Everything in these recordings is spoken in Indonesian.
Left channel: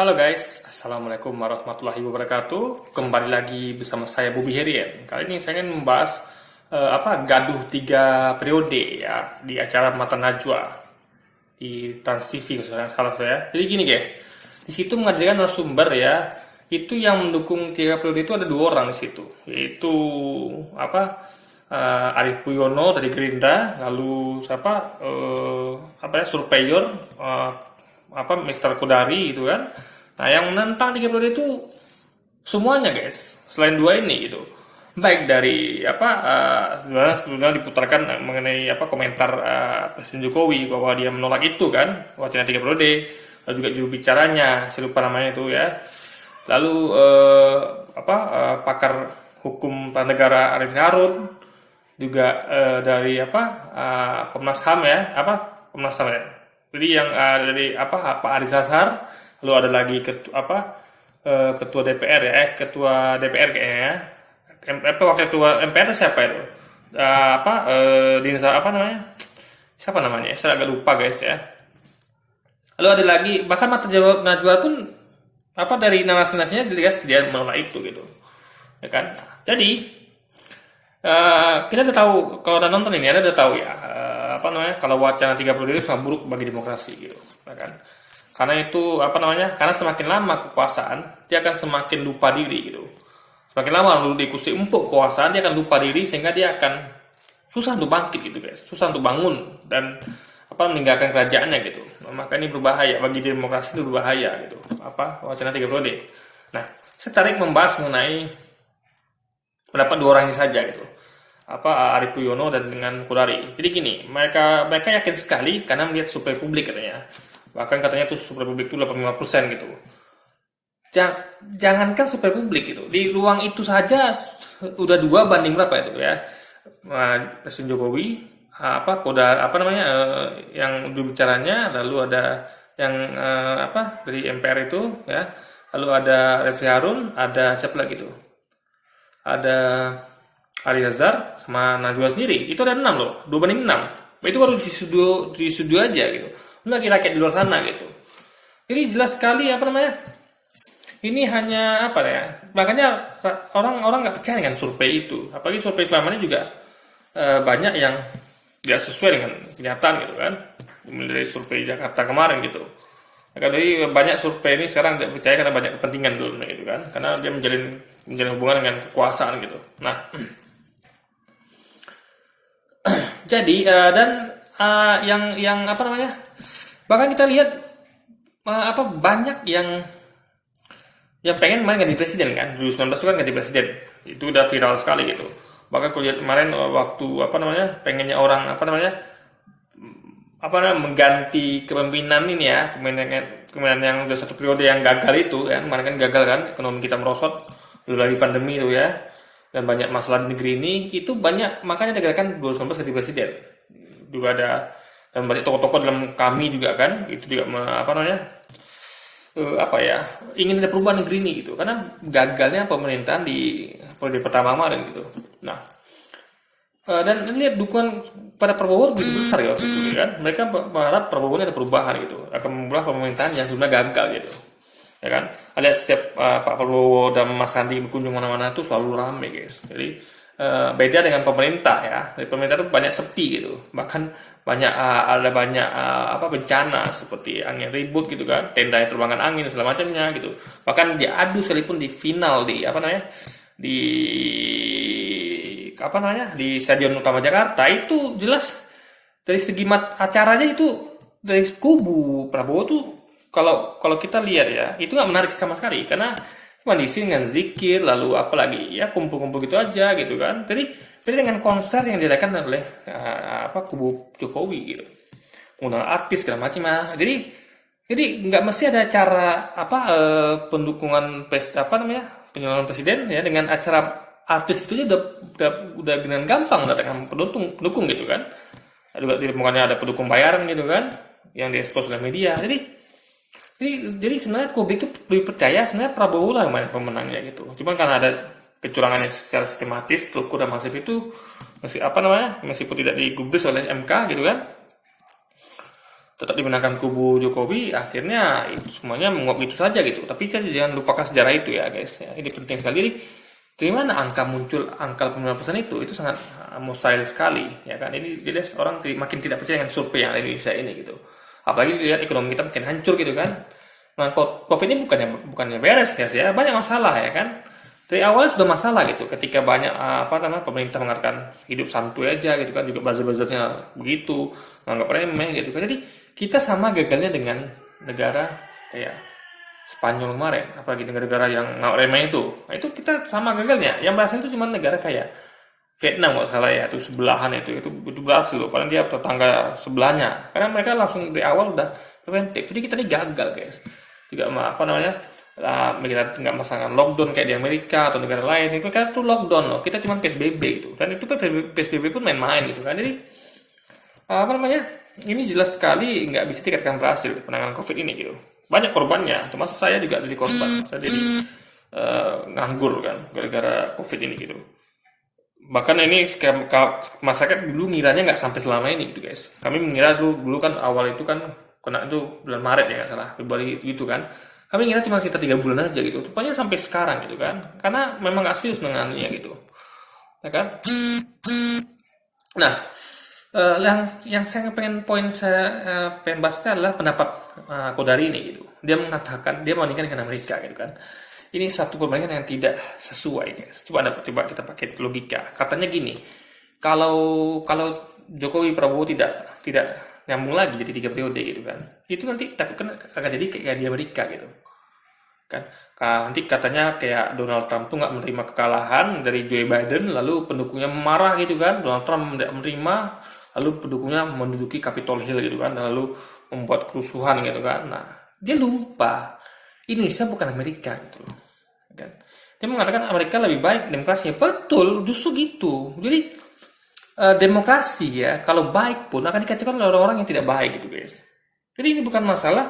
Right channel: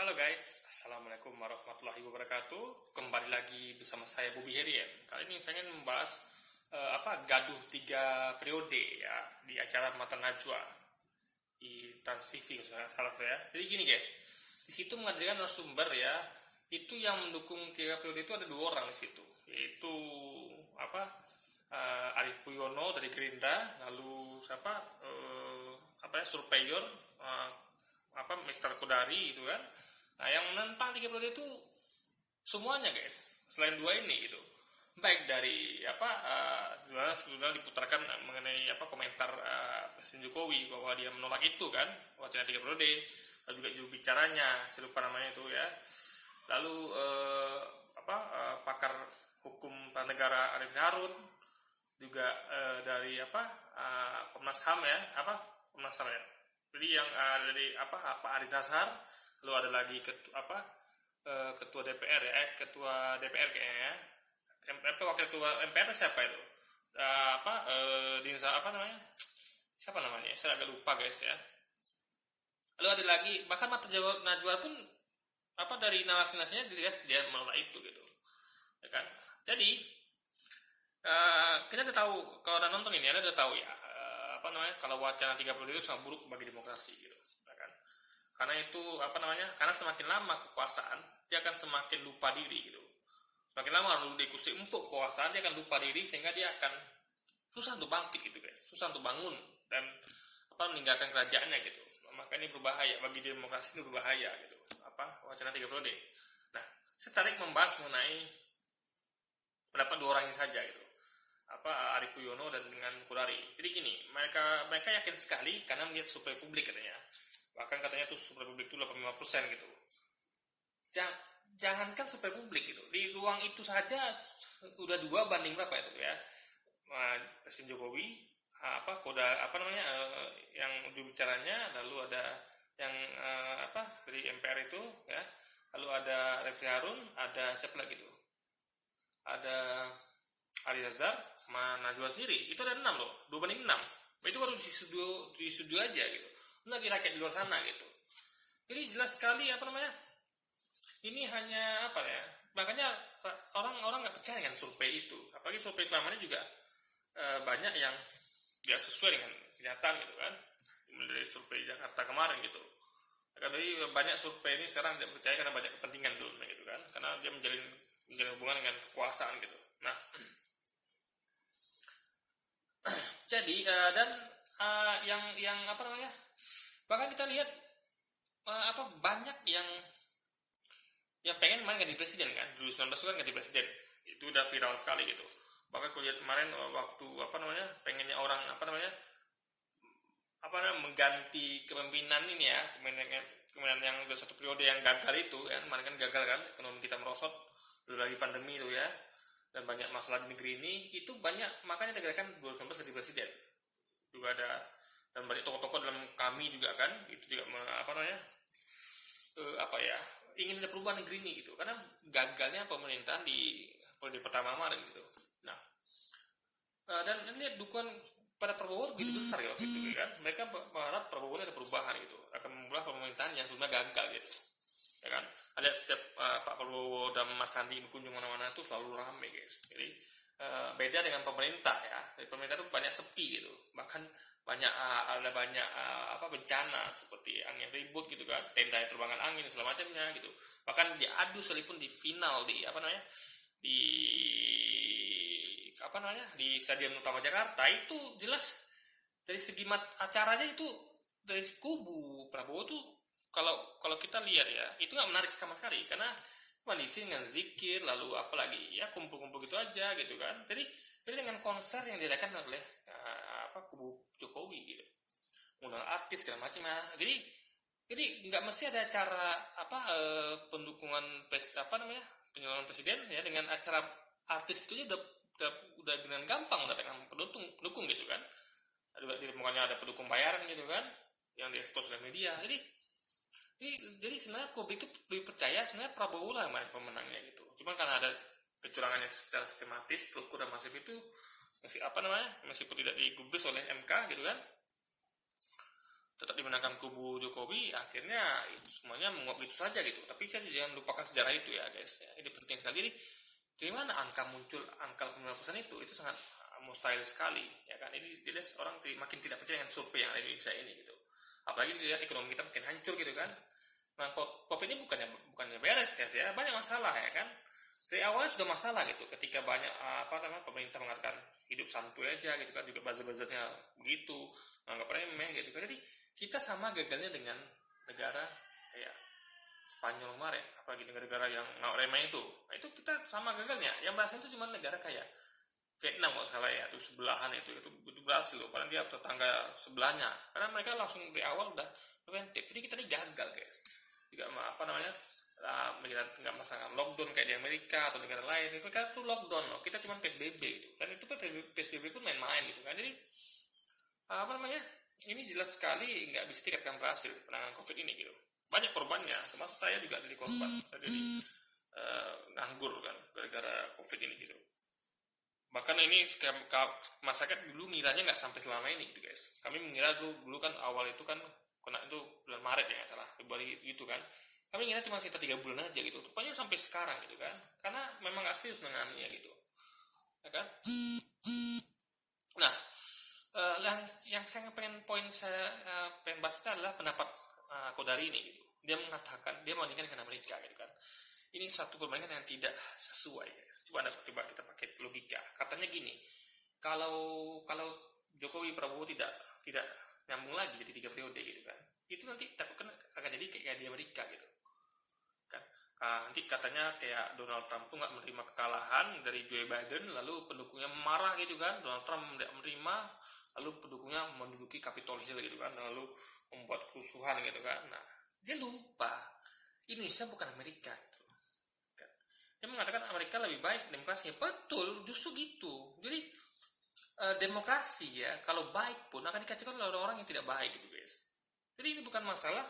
Halo guys, Assalamualaikum warahmatullahi wabarakatuh. Kembali lagi bersama saya Bobby Herian. Kali ini saya ingin membahas gaduh 3 periode ya di acara Mata Najwa di Trans TV kalau salah saya. Jadi gini guys, di situ menghadirkan narasumber ya. Itu yang mendukung 3 periode itu ada 2 orang di situ, yaitu Arief Puyono dari Gerindra, lalu surveyor Mr. Kodari gitu kan. Nah, yang menentang 3 periode itu semuanya guys, selain 2 ini gitu. Baik dari sebenarnya diputarkan mengenai komentar Presiden Jokowi bahwa dia menolak itu kan, wacana 3 periode, lalu juga juru bicaranya, saya lupa namanya itu ya. Lalu pakar hukum tata negara Arif Harun juga dari Komnas HAM ya, Komnas HAM ya. Jadi yang dari Pak Aris Azhar, lalu ada lagi ketua DPR ya, ketua DPR kayaknya ya. Wakil ketua MPR itu siapa itu? Dinsa namanya? Siapa namanya? Saya agak lupa guys ya. Lalu ada lagi bahkan Mata Najwa pun dari narasi-narasinya dia menolak itu gitu. Ya kan? Jadi kita udah tahu, kalau udah nonton ini udah tahu ya, kalau wacana 3 periode itu sangat buruk bagi demokrasi gitu, ya kan? Karena itu karena semakin lama kekuasaan dia akan semakin lupa diri gitu. Semakin lama lalu diikuti empuk kekuasaan, dia akan lupa diri sehingga dia akan susah untuk bangkit gitu guys, susah untuk bangun dan meninggalkan kerajaannya gitu. Maka ini berbahaya bagi demokrasi, itu berbahaya gitu. Wacana 3 periode. Nah, saya tarik membahas mengenai pendapat 2 orang ini saja gitu. Arief Puyono dan dengan Kodari. Jadi gini, mereka yakin sekali karena melihat survei publik katanya. Bahkan katanya tuh survei publik itu 85% gitu. Jangankan survei publik gitu. Di ruang itu saja udah 2 banding berapa itu ya. Presiden Jokowi, yang juru bicaranya, lalu ada yang dari MPR itu ya. Lalu ada Refli Harun, ada siapa lagi tuh? Ada Aris Azhar sama Najwa sendiri, itu ada 6 loh, 2 banding 6. Itu baru di studio aja gitu. Lagi rakyat di luar sana gitu. Jadi jelas sekali ini hanya makanya orang nggak percaya dengan survei itu. Apalagi survei selama ini juga banyak yang tidak sesuai dengan kenyataan gitu kan. Dari survei Jakarta kemarin gitu. Jadi banyak survei ini sekarang tidak percaya karena banyak kepentingan dulu gitu kan. Karena dia menjalin hubungan dengan kekuasaan gitu. Nah, jadi bahkan kita lihat banyak yang pengen main ganti presiden kan. 2019 itu kan ganti presiden, itu udah viral sekali gitu. Bahkan aku lihat kemarin waktu pengennya orang mengganti kepemimpinan ini ya, kepemimpinan yang udah 1 periode yang gagal itu kan. Kemarin kan gagal kan, ekonomi kita merosot, dulu lagi pandemi itu ya, dan banyak masalah di negeri ini, itu banyak, makanya digerakkan 2019 ganti presiden. Juga ada, dan banyak tokoh-tokoh dalam kami juga kan, itu juga ingin ada perubahan negeri ini gitu, karena gagalnya pemerintahan di periode pertama kemarin gitu. Nah, dan lihat dukungan pada Prabowo begitu besar ya waktu itu kan, mereka berharap Prabowo ini ada perubahan gitu, akan memulai pemerintahan yang sebenarnya gagal gitu. Ya kan, ada setiap Pak Prabowo dan Mas Sandi berkunjung mana-mana itu selalu ramai guys. Jadi beda dengan pemerintah ya. Dari pemerintah itu banyak sepi gitu. Bahkan ada banyak bencana seperti angin ribut gitu kan, tenda terbangan angin dan segala macamnya gitu. Bahkan diadu sekalipun di final di Stadion Utama Jakarta itu jelas dari segi acaranya itu dari kubu Prabowo tuh, kalau kita lihat ya, itu nggak menarik sama sekali karena cuma diisi dengan zikir, lalu apalagi ya kumpul-kumpul gitu aja gitu kan. Jadi dengan konser yang diadakan oleh kubu Jokowi gitu, undang artis segala macam lah. Jadi nggak mesti ada cara pendukungan penyalonan presiden ya dengan acara artis itu aja udah dengan gampang datangkan pendukung gitu kan. Bukannya ada pendukung bayaran gitu kan yang diekspos oleh media. Jadi sebenarnya publik itu lebih percaya sebenarnya Prabowo lah yang pemenangnya gitu. Cuman karena ada kecurangan yang secara sistematis, struktur dan masif itu meskipun tidak digubris oleh MK gitu kan. tetap dimenangkan kubu Jokowi, akhirnya itu semuanya menguap gitu saja gitu. Tapi kan jangan lupakan sejarah itu ya guys. Ya, ini penting sekali. Jadi dari mana angka muncul angka 9% itu sangat mustahil sekali ya kan. Ini jelas orang makin tidak percaya dengan survei yang ada di Indonesia ini gitu. Apalagi lihat ekonomi kita makin hancur gitu kan. Nah, COVID ini bukannya beres guys ya, banyak masalah ya kan. Dari awalnya sudah masalah gitu, ketika banyak pemerintah mengatakan hidup santuy aja gitu kan, juga buzzer-buzzernya begitu, nganggap remeh gitu kan. Jadi kita sama gagalnya dengan negara kayak Spanyol kemarin, apalagi negara-negara yang nggak remeh itu. Nah, itu kita sama gagalnya. Yang berhasil itu cuma negara kayak Vietnam kalau salah ya, itu sebelahan itu berhasil loh, padahal dia tetangga sebelahnya. Karena mereka langsung dari awal udah preventif. Jadi kita ini gagal guys. Juga kita nggak masalah lockdown kayak di Amerika atau negara lain, itu kan tuh lockdown loh, kita cuma PSBB gitu, dan itu PSBB pun main-main gitu kan. Jadi ini jelas sekali nggak bisa dikatakan berhasil penanganan COVID ini gitu. Banyak korbannya, termasuk saya juga jadi korban, saya jadi nganggur kan gara-gara COVID ini gitu. Bahkan ini masyarakat dulu ngiranya nggak sampai selama ini gitu guys. Kami mengira dulu kan awal itu kan kena itu bulan Maret ya nggak salah, Februari gitu kan. Kami ngira cuma sekitar 3 bulan aja gitu. Rupanya sampai sekarang gitu kan. Karena memang nggak serius menanganinya gitu. Ya kan? Nah, yang saya pengen bahas adalah pendapat Kodari ini gitu. Dia mengatakan dia membandingkan dengan Amerika gitu kan. Ini satu perbandingan yang tidak sesuai guys. Coba kita pakai logika. Katanya gini, kalau Jokowi Prabowo tidak nyambung lagi jadi 3 periode gitu kan, itu nanti takutkan akan jadi kayak di Amerika gitu kan. Nanti katanya kayak Donald Trump tuh nggak menerima kekalahan dari Joe Biden, lalu pendukungnya marah gitu kan, Donald Trump tidak menerima, lalu pendukungnya menduduki Capitol Hill gitu kan, lalu membuat kerusuhan gitu kan. Nah, dia lupa Indonesia bukan Amerika gitu loh kan. Dia mengatakan Amerika lebih baik demokrasinya, betul, justru gitu. Jadi demokrasi ya, kalau baik pun akan dikacaukan oleh orang-orang yang tidak baik gitu guys. Jadi ini bukan masalah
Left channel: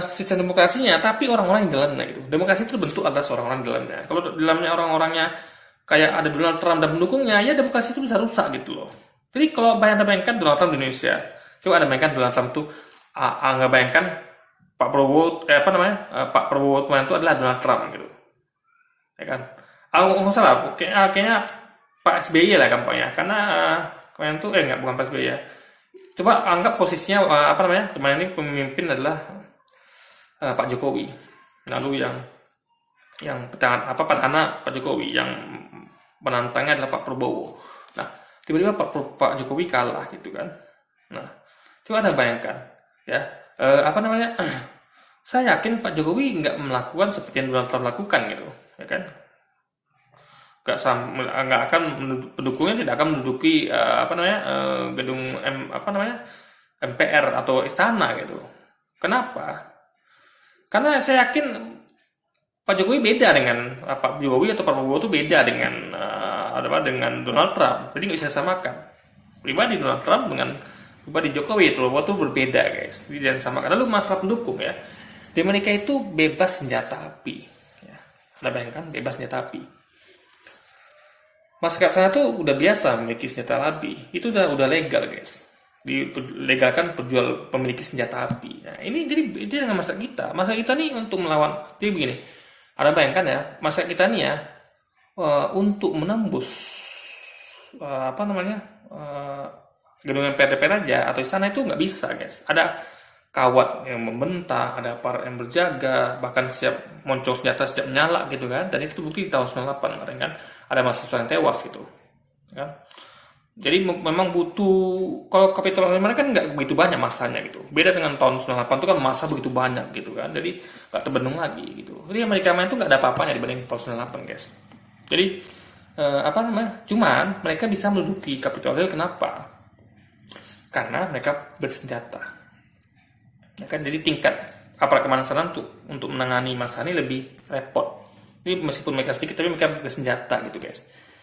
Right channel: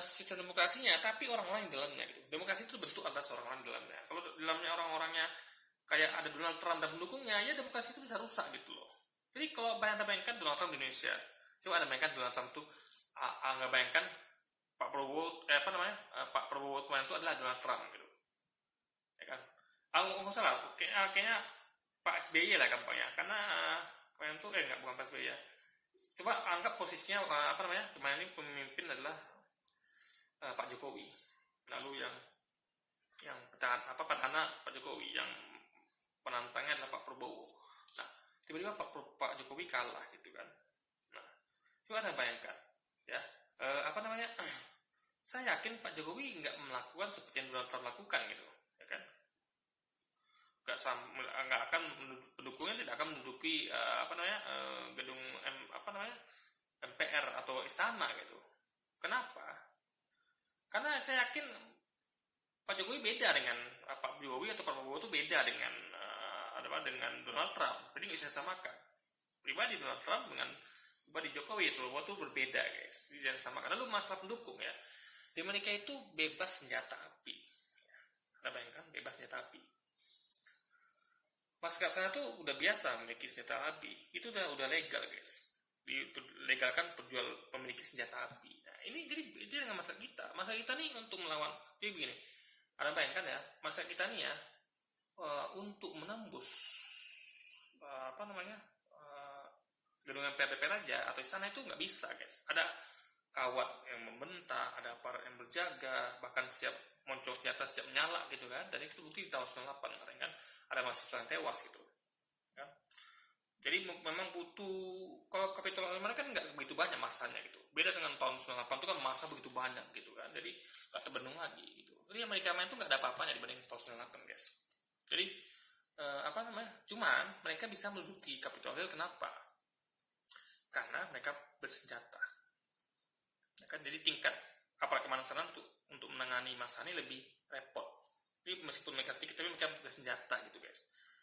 sistem demokrasinya, tapi orang-orang yang dalamnya gitu. Demokrasi itu bentuk atas orang-orang di dalamnya. Kalau dalamnya orang-orangnya kayak ada Donald Trump dan pendukungnya, ya demokrasi itu bisa rusak gitu loh. Jadi kalau bayangkan Donald Trump di Indonesia, coba ada bayangkan Donald Trump tuh, nggak bayangkan Pak Prabowo, Pak Prabowo kemarin itu adalah Donald Trump gitu, ya kan? Nggak salah, kayaknya Pak SBY lah gampangnya, karena kemarin tuh bukan Pak SBY ya. Coba anggap posisinya kemarin ini pemimpin adalah Pak Jokowi. Lalu yang petahana Pak Jokowi, yang penantangnya adalah Pak Prabowo. Nah, tiba-tiba Pak Jokowi kalah gitu kan. Nah, coba Anda bayangkan ya, saya yakin Pak Jokowi nggak melakukan seperti yang Donald Trump lakukan gitu, ya kan? Nggak akan, pendukungnya tidak akan menduduki gedung MPR atau istana gitu. Kenapa? Karena saya yakin Pak Jokowi beda dengan Pak Jokowi atau Pak Prabowo itu beda dengan dengan Donald Trump. Jadi nggak bisa samakan. Pribadi Donald Trump dengan pribadi Jokowi atau Prabowo itu berbeda guys. Jadi jangan samakan. Lalu masalah pendukung ya. Di Amerika itu bebas senjata api. Ya. Anda bayangkan bebas senjata api. Masyarakat sana tuh udah biasa memiliki senjata api. Itu udah legal guys. Dilegalkan pemiliki senjata api. Nah, ini jadi dengan masyarakat kita. Masyarakat kita nih untuk melawan. Jadi begini. Anda bayangkan ya, masyarakat kita nih ya, untuk menembus gedung MPR aja atau istana itu nggak bisa guys. Ada kawat yang membentang, ada aparat yang berjaga, bahkan siap moncong senjata siap nyala gitu kan. Dan itu bukti di tahun 98 kemarin kan, ada mahasiswa yang tewas gitu kan. Jadi memang butuh, kalau Capitol Hill kan nggak begitu banyak masanya gitu. Beda dengan tahun 98 itu kan masa begitu banyak gitu kan. Jadi nggak terbendung lagi gitu. Jadi Amerika main itu nggak ada apa-apanya dibanding tahun 98 guys. Jadi cuman mereka bisa menduduki Capitol Hill, kenapa? Karena mereka bersenjata. Ya kan, jadi tingkat aparat keamanan sana untuk menangani masa ini lebih repot. Jadi meskipun mereka sedikit, tapi mereka bersenjata gitu guys.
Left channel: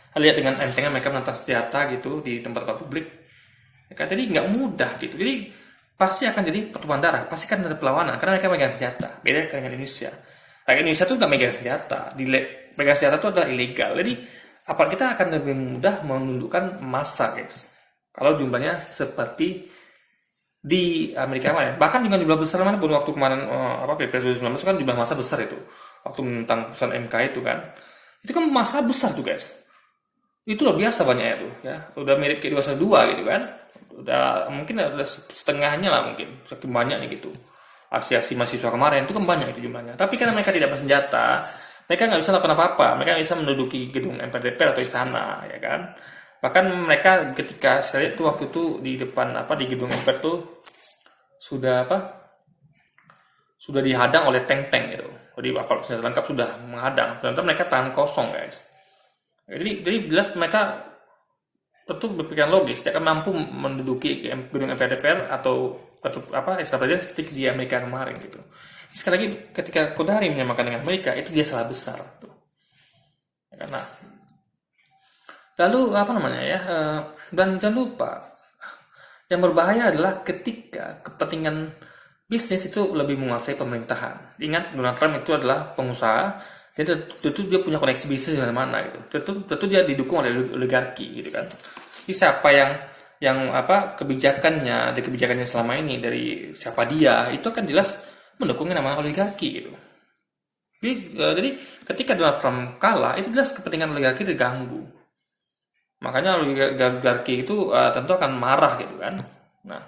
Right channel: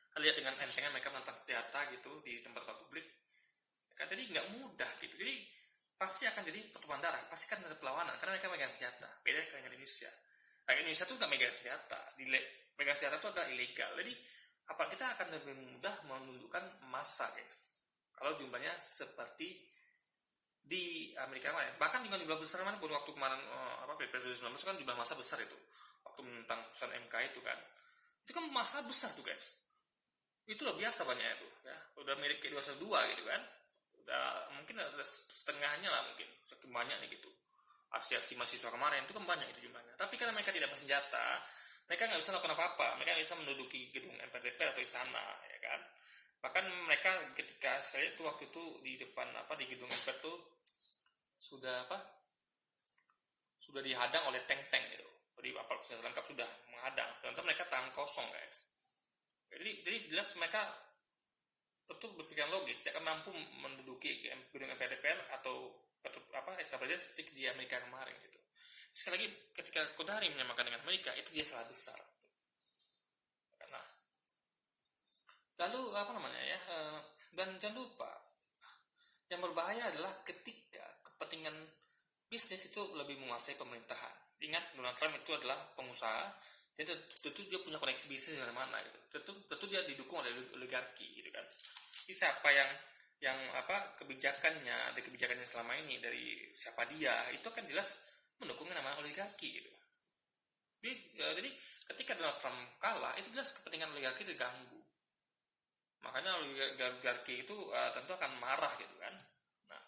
Lihat dengan entengnya mereka menantang senjata gitu di tempat-tempat publik. Ya kan, jadi nggak mudah gitu. Jadi pasti akan jadi pertumpahan darah, pasti akan ada perlawanan karena mereka megang senjata. Beda dengan Indonesia. Rakyat Indonesia tuh nggak megang senjata. Megang senjata itu adalah ilegal. Jadi aparat kita akan lebih mudah menundukkan massa guys. Kalau jumlahnya seperti di Amerika kemarin. Bahkan juga jumlah besar mana pun waktu kemarin Pilpres 2019 kan jumlah masa besar itu. Waktu menentang putusan MK itu kan. Itu kan masa besar tuh guys. Itu luar biasa banyaknya tuh ya. Udah mirip kayak 212 gitu kan. Udah mungkin ada setengahnya lah mungkin. Saking banyaknya gitu. Aksi-aksi mahasiswa kemarin itu kan banyak itu jumlahnya. Tapi karena mereka tidak bersenjata, mereka nggak bisa lakukan apa-apa. Mereka nggak bisa menduduki gedung MPR DPR atau istana, ya kan. Bahkan mereka ketika saya lihat tuh waktu itu di depan di gedung MPR tuh sudah sudah dihadang oleh tank-tank gitu. Jadi aparat senjata lengkap sudah menghadang. Ternyata mereka tahan kosong guys. Jadi jelas mereka tentu berpikiran logis, tidak akan mampu menduduki gedung MPR DPR atau istana presiden seperti di Amerika kemarin gitu. Sekali lagi ketika Kodari menyamakan dengan Amerika itu dia salah besar tuh. Karena lalu dan jangan lupa yang berbahaya adalah ketika kepentingan bisnis itu lebih menguasai pemerintahan. Ingat Donald Trump itu adalah pengusaha, dia tentu dia punya koneksi bisnis di mana gitu. Tentu dia didukung oleh oligarki gitu kan. Jadi siapa yang kebijakannya selama ini dari siapa dia itu kan jelas mendukung yang namanya oligarki gitu. Jadi ketika Donald Trump kalah itu jelas kepentingan oligarki terganggu. Makanya oligarki itu tentu akan marah gitu kan. Nah,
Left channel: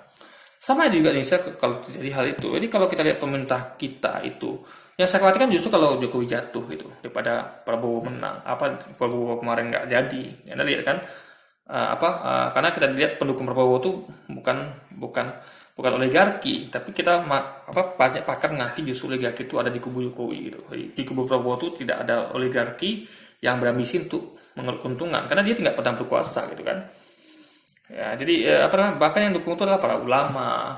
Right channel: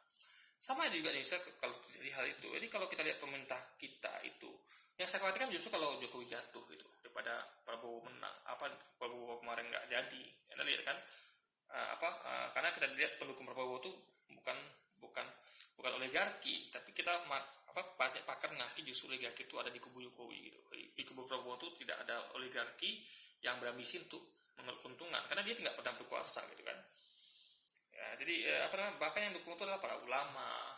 sama juga Indonesia kalau terjadi hal itu. Jadi kalau kita lihat pemerintah kita itu, yang saya khawatirkan justru kalau Jokowi jatuh gitu daripada Prabowo menang. Prabowo kemarin nggak jadi. Anda lihat kan karena kita lihat pendukung Prabowo itu bukan oligarki, tapi kita banyak pakar mengaku justru oligarki itu ada di kubu Jokowi gitu. Di kubu Prabowo itu tidak ada oligarki yang berambisi untuk mengeruk keuntungan karena dia tidak pernah berkuasa gitu kan. Ya, jadi bahkan yang dukung itu adalah para ulama,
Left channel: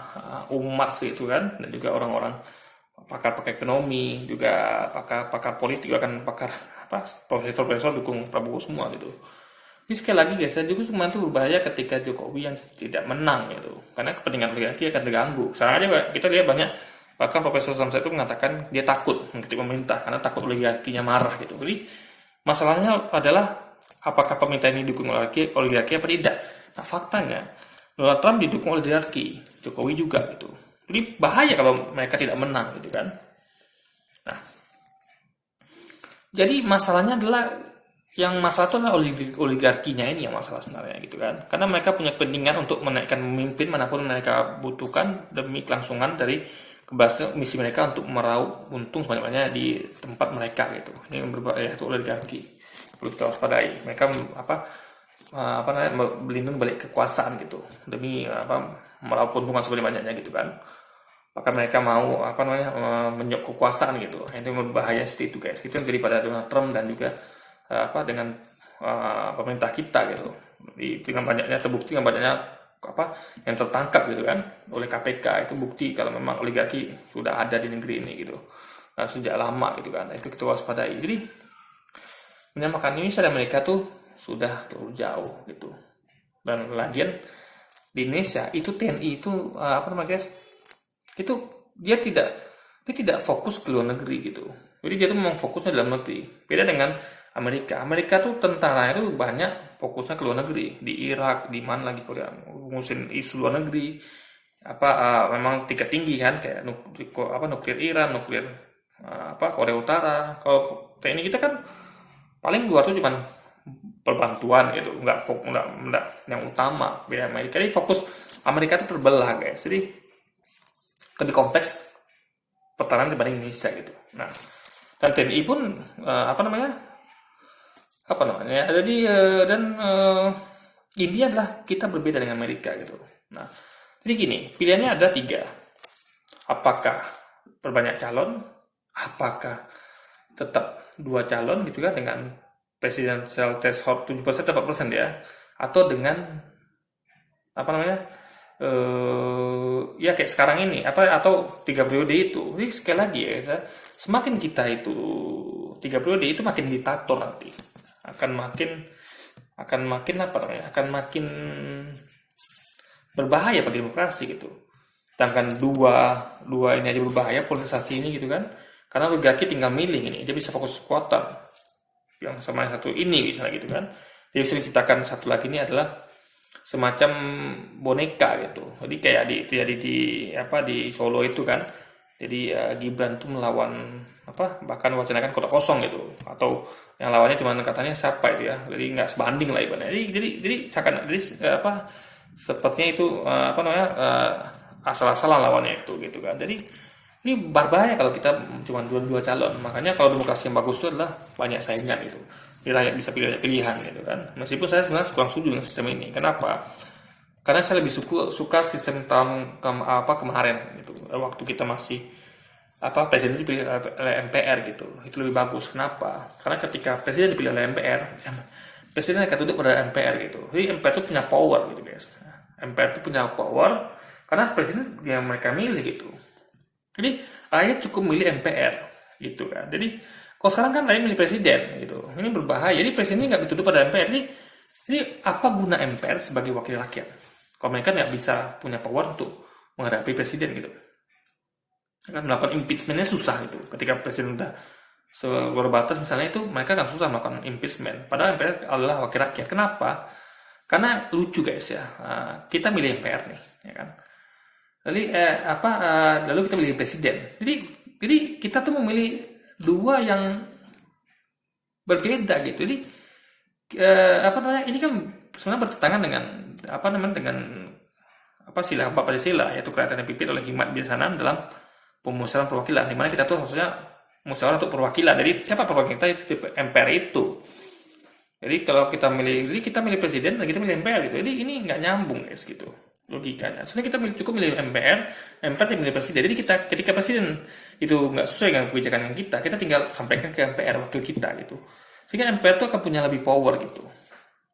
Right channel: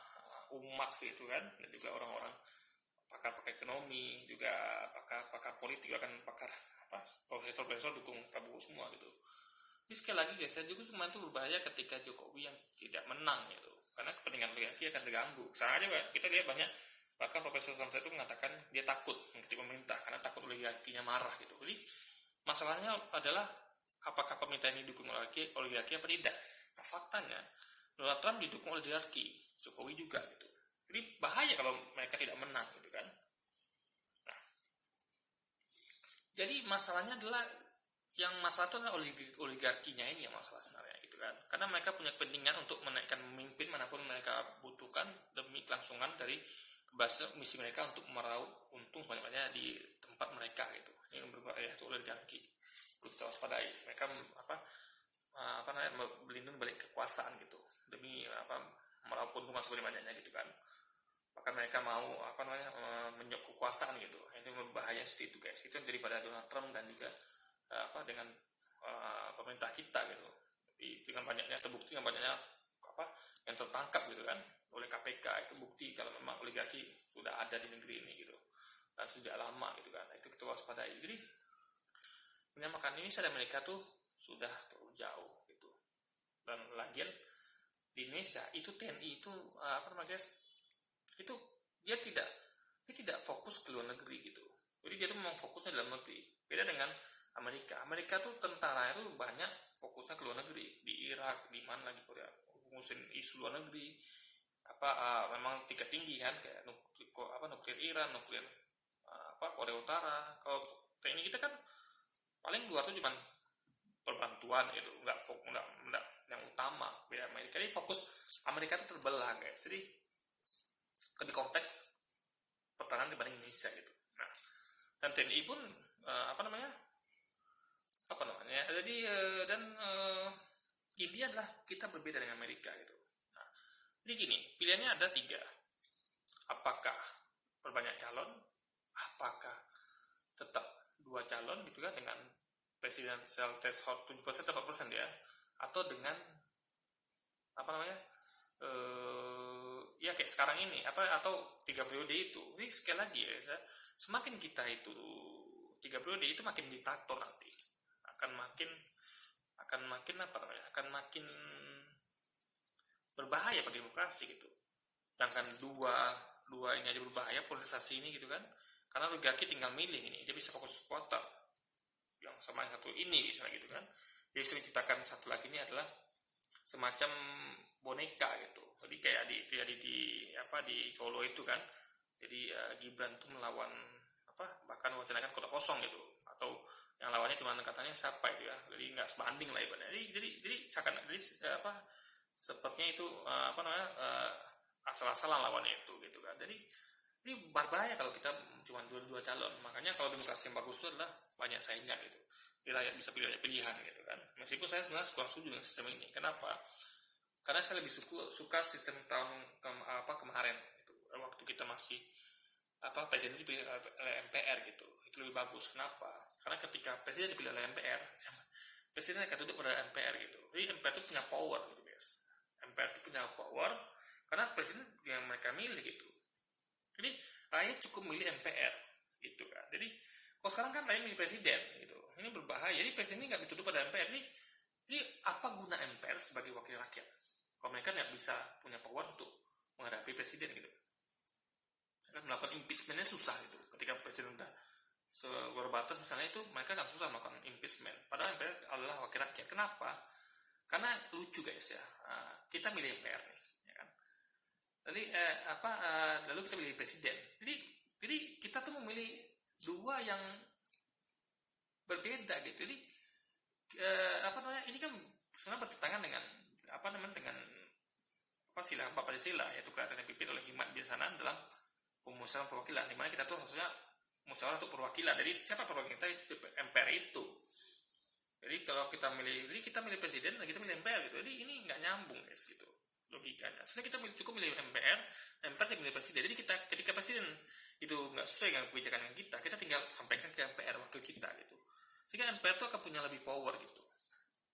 umat gitu kan, dan juga orang-orang pakar-pakar ekonomi, juga pakar politik, bahkan pakar profesor-profesor dukung Prabowo semua gitu. Jadi sekali lagi guys, juga cuma itu berbahaya ketika Jokowi yang tidak menang gitu, karena kepentingan oligarki akan terganggu. Sekarang aja kita lihat banyak, bahkan Profesor Samsa itu mengatakan dia takut mengkritik pemerintah karena takut oligarkinya marah gitu. Jadi masalahnya adalah apakah pemerintah ini didukung oligarki apa tidak? Nah faktanya Donald Trump didukung oligarki, Jokowi juga gitu. Jadi bahaya kalau mereka tidak menang gitu kan. Nah, jadi masalahnya adalah masalah itu adalah oligarkinya ini yang masalah sebenarnya gitu kan. Karena mereka punya kepentingan untuk menaikkan pemimpin manapun mereka butuhkan demi kelangsungan dari keberhasilan misi mereka untuk meraup untung sebanyak-banyaknya di tempat mereka gitu. Ini yang berbahaya itu oligarki. Perlu kita waspadai. Mereka berlindung balik kekuasaan gitu demi meraup keuntungan sebanyak-banyaknya gitu kan. Maka mereka mau menyok kekuasaan gitu. Itu yang berbahaya seperti itu guys. Itu yang daripada Donald Trump dan juga dengan pemerintah kita gitu. Dengan banyaknya terbukti dengan banyaknya yang tertangkap gitu kan oleh KPK, itu bukti kalau memang oligarki sudah ada di negeri ini gitu. Nah, sejak lama gitu kan. Itu kita waspadai. Jadi menyamakan Indonesia dan mereka tuh sudah terlalu jauh gitu. Dan lagian di Indonesia itu TNI itu guys? Itu dia tidak fokus ke luar negeri gitu. Jadi dia tuh memang fokusnya dalam negeri. Beda dengan Amerika. Amerika tuh tentara itu banyak fokusnya ke luar negeri. Di Irak, di mana lagi Korea, ngurusin isu luar negeri. Memang tingkat tinggi kan kayak nuklir Iran, nuklir Korea Utara. Kalau TNI kita kan paling luar tuh cuman perbantuan gitu, nggak yang utama. Beda Amerika. Jadi fokus Amerika itu terbelah guys. Jadi lebih kompleks pertahanan dibanding Indonesia gitu. Nah, dan TNI pun jadi India adalah kita berbeda dengan Amerika gitu. Nah, jadi gini, pilihannya ada 3. Apakah perbanyak calon, apakah tetap 2 calon gitu kan dengan presidential threshold 7% atau 4% ya, atau dengan kayak sekarang ini atau 3 periode itu. Jadi sekali lagi ya, semakin kita itu 3 periode itu makin diktator nanti, akan makin berbahaya bagi demokrasi gitu. Sedangkan dua ini aja berbahaya, polarisasi ini gitu kan, karena oligarki tinggal milih ini, dia bisa fokus kekuatan yang sama yang satu ini misalnya gitu kan. Dia bisa menciptakan satu lagi ini adalah semacam boneka gitu. Jadi kayak di jadi di apa di Solo itu kan. Jadi Gibran tuh melawan apa bahkan wacanakan kota kosong gitu atau yang lawannya cuma katanya siapa itu ya. Jadi nggak sebanding lah ibaratnya. Jadi seakan jadi apa sepertinya itu apa namanya asal-asalan lawannya itu gitu kan. Jadi ini berbahaya kalau kita cuma dua calon. Makanya kalau demokrasi yang bagus itu adalah banyak saingan gitu. Jadi rakyat bisa pilih pilihan gitu kan. Meskipun saya sebenarnya kurang setuju dengan sistem ini. Kenapa? Karena saya lebih suka sistem apa kemarin gitu. Waktu kita masih apa presiden dipilih oleh MPR gitu. Itu lebih bagus. Kenapa? Karena ketika presiden dipilih oleh MPR, presiden akan tunduk pada MPR gitu. Jadi MPR itu punya power gitu guys. MPR itu punya power karena presiden yang mereka milih gitu. Jadi rakyat cukup milih MPR gitu kan. Jadi kalau sekarang kan rakyat milih presiden gitu. Ini berbahaya. Jadi presiden ini nggak dituduh pada MPR. Jadi apa guna MPR sebagai wakil rakyat? Kalau mereka nggak bisa punya power untuk menghadapi presiden gitu. Kan melakukan impeachmentnya susah gitu. Ketika presiden udah luar batas misalnya itu mereka kan susah melakukan impeachment. Padahal MPR adalah wakil rakyat. Kenapa? Karena lucu guys ya. Kita milih MPR nih, ya kan. Lalu kita milih presiden. Jadi kita tuh memilih dua yang berbeda gitu. Jadi ini kan sebenarnya bertentangan dengan sila 4 Pancasila yaitu kerajaan yang dipimpin oleh Hikmat Biasanan dalam pemusyawaratan perwakilan di mana kita tuh harusnya musyawarah untuk perwakilan. Jadi siapa perwakilan kita itu MPR itu. Jadi kalau kita milih presiden dan kita milih MPR gitu. Jadi ini nggak nyambung guys gitu logikanya. Soalnya kita cukup milih MPR milih presiden. Jadi ketika presiden itu nggak sesuai dengan kebijakan yang kita tinggal sampaikan ke MPR wakil kita gitu. Sehingga MPR itu akan punya lebih power gitu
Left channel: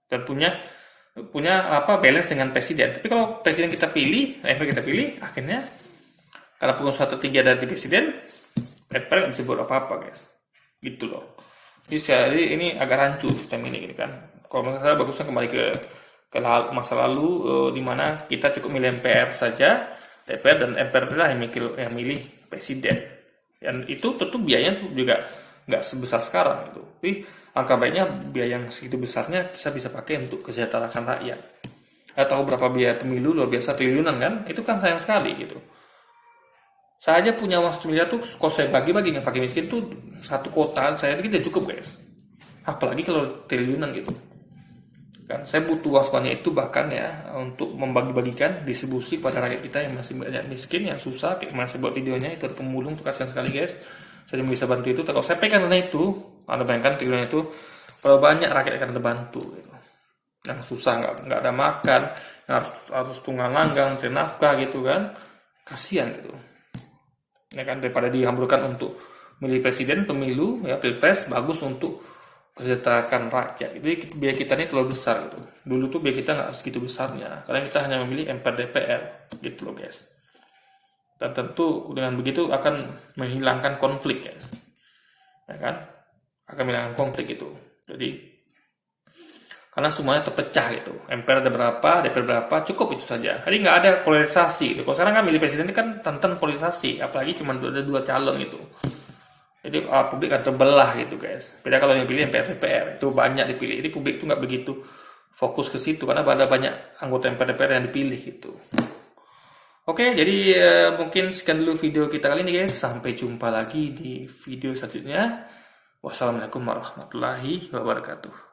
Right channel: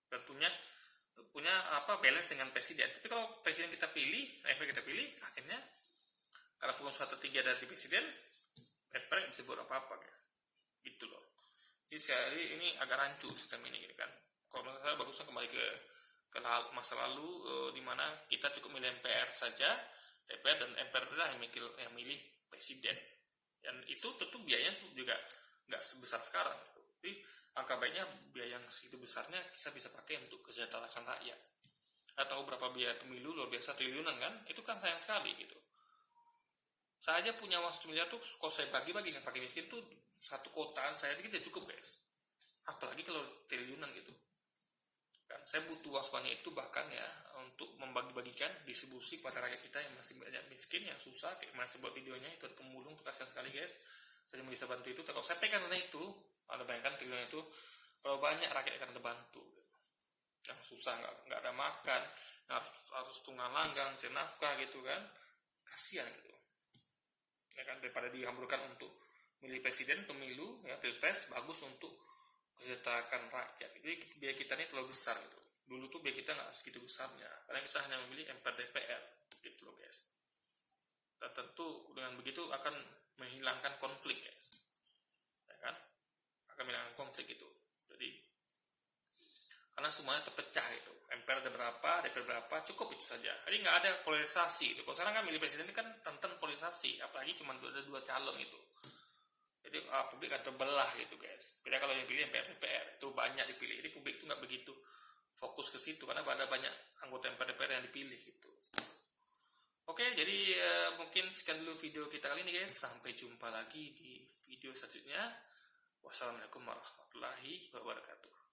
dan punya balance dengan presiden. Tapi kalau presiden kita pilih, MPR kita pilih, akhirnya karena pengusaha tertinggi ada di presiden, MPR nggak bisa buat apa-apa guys. Gitu loh. Jadi ini agak rancu sistem ini gitu kan. Kalau menurut saya bagusnya kembali ke masa lalu di mana kita cukup milih MPR saja, DPR dan MPR adalah yang milih presiden. Dan itu tentu biayanya juga nggak sebesar sekarang gitu. Tapi angka baiknya biaya yang segitu besarnya kita bisa pakai untuk kesejahteraan rakyat. Tahu berapa biaya pemilu luar biasa triliunan kan? Itu kan sayang sekali gitu. Saya aja punya uang 1 miliar tuh kalau saya bagi-bagi dengan fakir miskin tuh satu kota saya tidak cukup guys. Apalagi kalau triliunan gitu. Kan saya butuh uang sebanyak itu bahkan ya untuk membagi-bagikan distribusi pada rakyat kita yang masih banyak miskin yang susah kayak masih buat videonya itu ada pemulung tuh kasihan sekali guys. Saya bisa bantu itu. Kalau saya pegang dana itu, Anda bayangkan triliunan itu berapa banyak rakyat akan terbantu gitu. Yang susah nggak ada makan, yang harus tunggang langgang, cari nafkah gitu kan. Kasihan gitu. Ya kan daripada dihamburkan untuk milih presiden pemilu ya pilpres bagus untuk kesejahteraan rakyat. Jadi biaya kita ini terlalu besar gitu. Dulu tuh biaya kita nggak segitu besarnya karena kita hanya memilih MPR DPR gitu loh guys. Dan tentu dengan begitu akan menghilangkan konflik ya kan akan menghilangkan konflik itu. Jadi karena semuanya terpecah gitu. MPR ada berapa, DPR berapa, cukup itu saja. Jadi nggak ada polarisasi. Gitu. Kalau sekarang kan milih presiden itu kan tantan polarisasi, apalagi cuma ada 2 calon gitu. Jadi publik akan terbelah gitu guys. Beda kalau yang pilih MPR DPR itu banyak dipilih. Jadi publik itu nggak begitu fokus ke situ karena ada banyak anggota MPR DPR yang dipilih gitu. Oke, jadi mungkin sekian dulu video kita kali ini guys. Sampai jumpa lagi di video selanjutnya. Wassalamualaikum warahmatullahi wabarakatuh.